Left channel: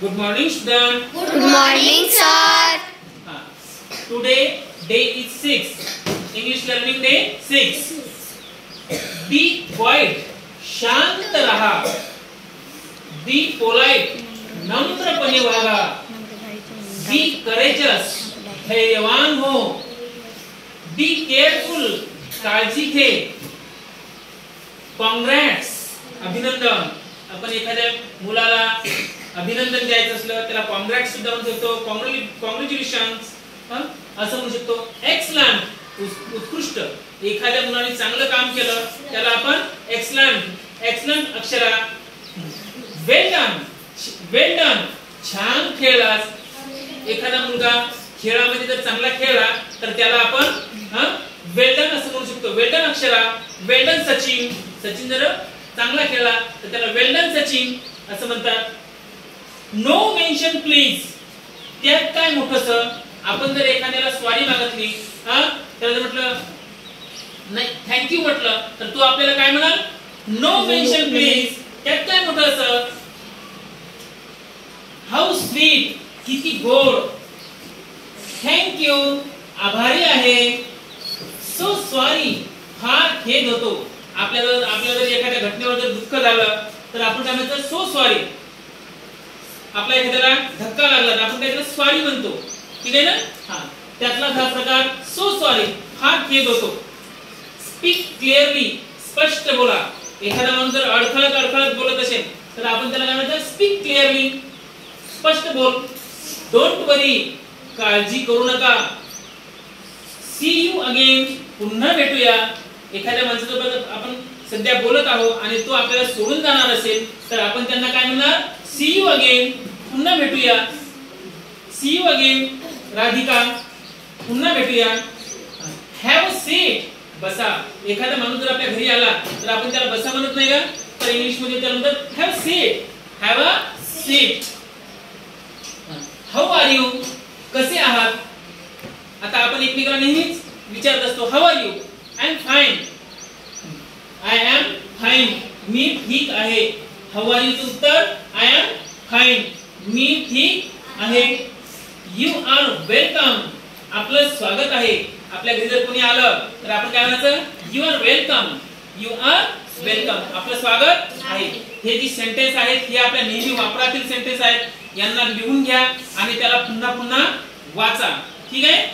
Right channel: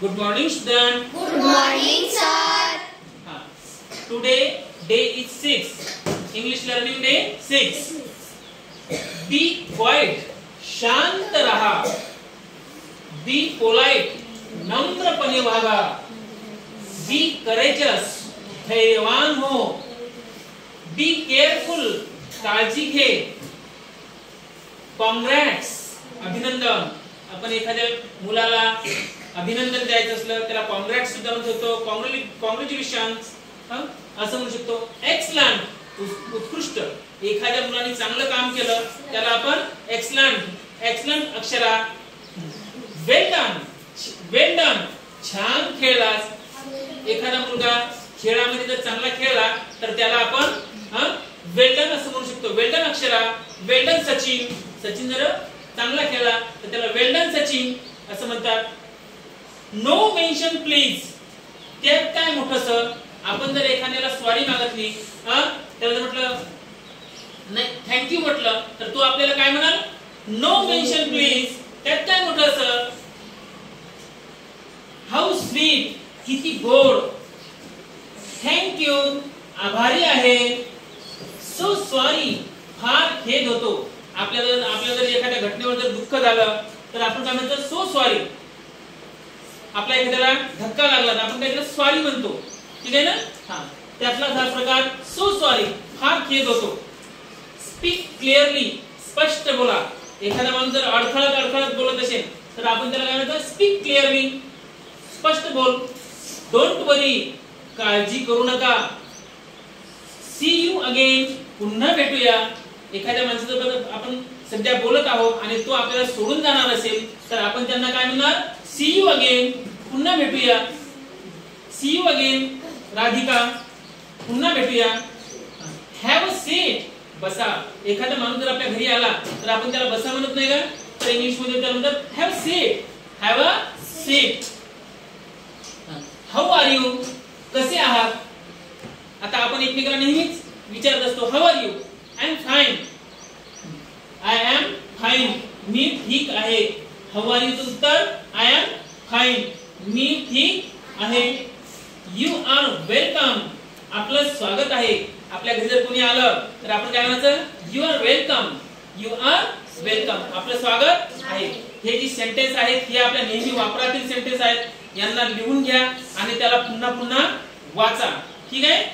Good morning, student. Good morning, sir. Today day is 6. English learning day 6. Be quiet. शांत रहा. Be polite. नम्रपणे वागा. Be courageous. धैर्यवान हो. Be careful. काळजी घे. Congrats. अभिनंदन. आपण एखाद्या मुलाला अभिनंदन द्यायचं असलं त्याला कॉंग्रॅट्स सुद्धा म्हणू शकतो. कॉंग्रॅच्युलेशन्स असं म्हणू शकतो. एक्सलंट उत्कृष्ट. एखाद्या मुलाने चांगलं काम केलं त्याला आपण एक्सलंट अक्षरा. वेल डन छान खेळलास. एखादा मुलगा खेळामध्ये जर चांगला खेळला तर त्याला आपण वेल डन असं म्हणू शकतो. वेल डन अक्षरा. वेल डन सचिन जर चांगला खेळला तर त्याला वेल डन सचिन असं म्हणतात. No mention please. त्यात काय मोठंस. आपण जर एखाद्याला सॉरी मागितली त्याला म्हटलं नाही थँक्यू म्हटलं तर तो आपल्याला काय म्हणाल. No mention please. त्यात काय मोठंस. How sweet. किती गोड. थँक्यू आभारी आहे. सो सॉरी फार खेद होतो. आपल्याला जर एखाद्या घटनेवर जर दुःख झालं तर आपण काय म्हणतो सो सॉरी. आपल्या एखाद्याला धक्का लागला तर आपण त्याला सॉरी म्हणतो. ठीक आहे ना. त्यातला हा प्रकार सो सॉरी फार खेद होतो. Speak clearly. स्पष्ट बोला. एखादा माणूस जर अडखळत बोलत असेल तर आपण त्याला काय म्हणतो स्पीक क्लिअरली. स्पष्ट बोल. Don't worry. काळजी करू नका. See you again. पुन्हा भेटूया. एखाद्या माणसासोबत आपण सध्या बोलत आहोत आणि तो आपल्याला सोडून जाणार असेल तर आपण त्यांना काय म्हणणार सी यू अगेन. पुन्हा भेटूया. See you again Radhika. पुन्हा भेटूया. Have a seat. बसा. एखादा माणूस जर आपल्या घरी आला तर आपण त्याला बसा म्हणत नाही का. तर इंग्लिश मध्ये त्याला म्हणतात have seat. Have a seat. How are you. कसे आहात. आता आपण एकमेकाला नेहमीच विचारत असतो how are you. I am fine. I am fine. मी ठीक आहे. हाऊ आर यूचं उत्तर आय एम फाईन. मी ठीक आहे. You are welcome. आपलं स्वागत आहे. आपल्या घरी जर कोणी आलं तर आपण काय म्हणायचं you are welcome. You are welcome. आपलं स्वागत आहे. हे जी सेंटेन्स आहेत हे आपल्या नेहमी वापरातील सेंटेन्स आहेत. यांना लिहून घ्या आणि त्याला पुन्हा वाचा. ठीक आहे.